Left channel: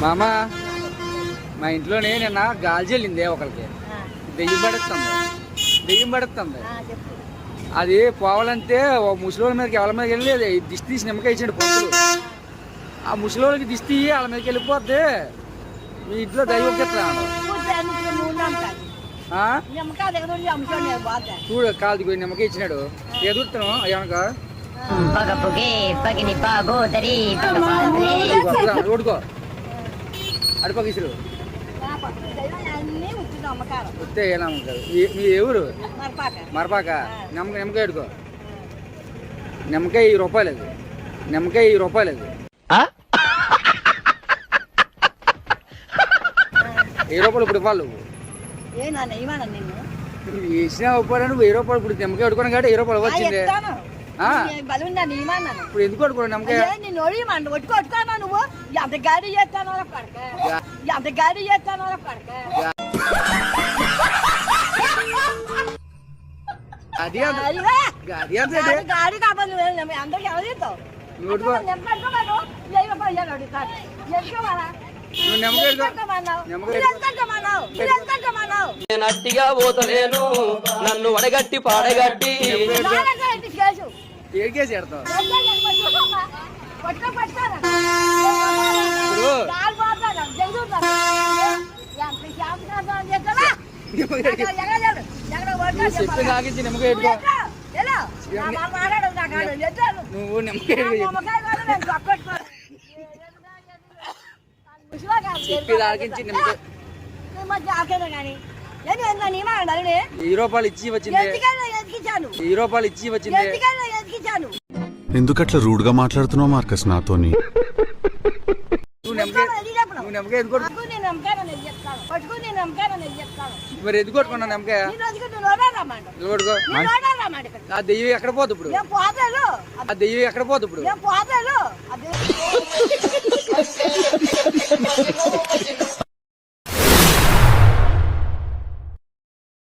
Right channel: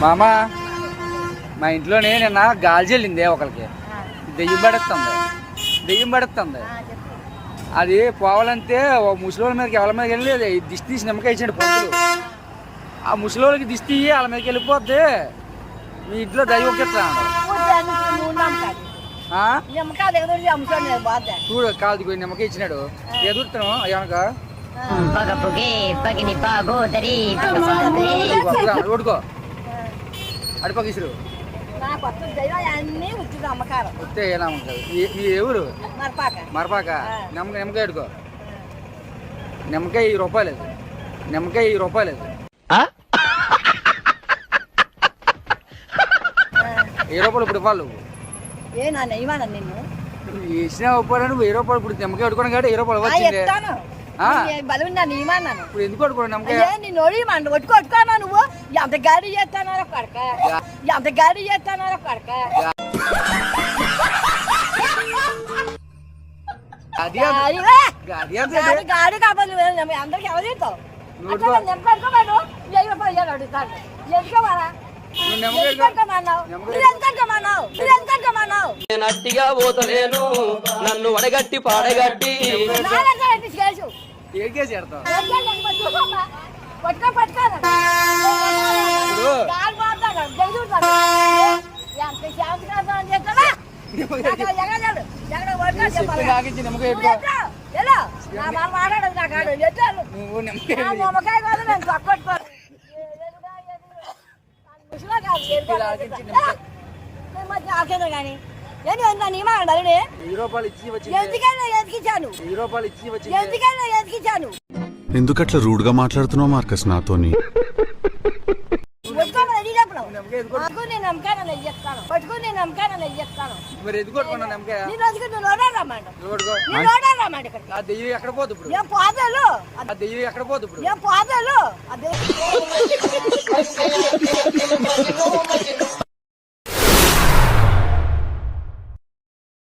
మామా మా ఇంట్లోనే నిన్న గాలి చెల్లింది ఒకరికి దెయ్యం పడుతుంది అది పోవాలంటే ముసలి మీదకి ఎవరి మీదకి వెళ్ళలేదు దిష్టి తీసి నిమ్మకాయ ఇచ్చాడు పంతులు ఆ ముసలికి దిష్టి వాళ్ళ మీదకి వెళ్ళిపోద్ది మీ ఇంట్లో దైవం ఎత్తాడు చూడు కాలు దిగు నిమ్మకాయ ఇచ్చినాడు ఎదురుతాను అయ్యాక ఓడుకో అడిపగిసురు వస్తే ఎలా ఉంటుంది మీ ఎవరు మరపాక నిమ్మకాయ ఎడుకో నిమ్మకాయ ₹10 నిమ్మకాయ ₹10 ₹10 ఇప్పుడు ఇవ్వాలి నువ్వు వేసిన రూపాయలు నువ్వు ₹10 ఇప్పుడు నిమ్మకాయ ఎడుకోవడం కాబట్టి ₹10 వచ్చింది ఇప్పుడు ఎందుకు కొట్టుకోండి నమ్మకాయ నువ్వు ఎంత గాడి చేస్తానో కడక ఎంత గాడి చేస్తానో కడక గాడి కావాలి అందరికి ఎవరు చేస్తావు నట్టిగా పోతలేను నన్ను వడగట్టి పాడగట్టి నువ్వు ₹10 ఇచ్చి వచ్చింది ఎందుకట్లా రూడ్ గా మాట్లాడుతున్నావు మార్కస్ నాతోని మరి ఎందుకు కొట్టుకున్నా నమ్మకాయ ఆ దెయ్యం ఎక్కడ పోదు ఇప్పుడు ఆ దెయ్యం ఎక్కడ పోదు ఇప్పుడు